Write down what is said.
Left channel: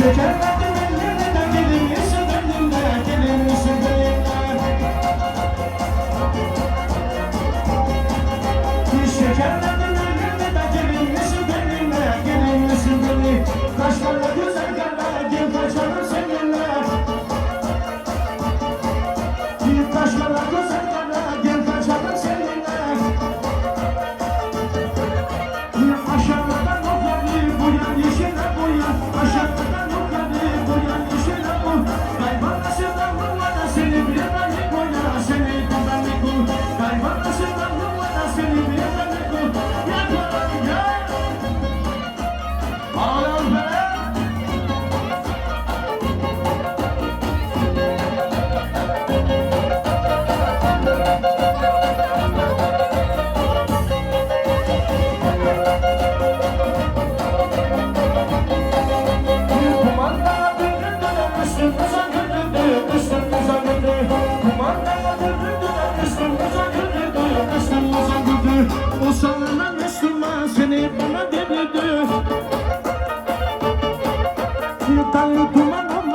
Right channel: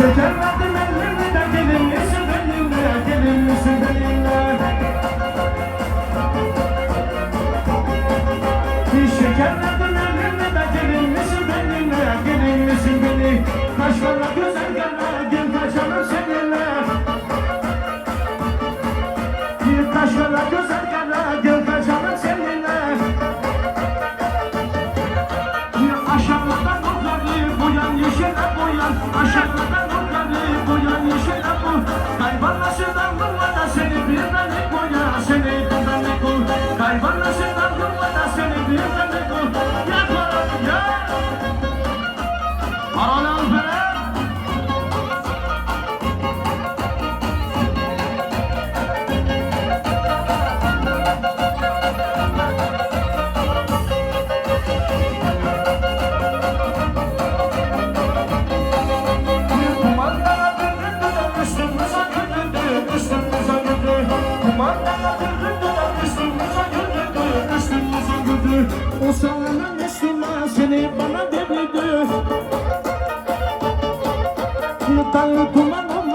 Şekerledim ellerine de gelin misin benimle, gelin misin benimle? Şekerledim ellerine de gelin misin benimle, gelin misin benimle? Kaşlarla güzel gelme, gel kaçalım seninle. Kaşlarla güzel gelme, gel kaçalım seninle. Aşağıdan okanı boyan, yeşile boyan. Aşağıdan okanı boyan, yeşile boyan. Kaybolmasından bulmadan seni bilmem boyan, seni bilmem kul. Kaybolmasından bulmadan seni bilmem kul. Yapalım ya. Ağlam be. O sana Müslüman seni bana devirdi.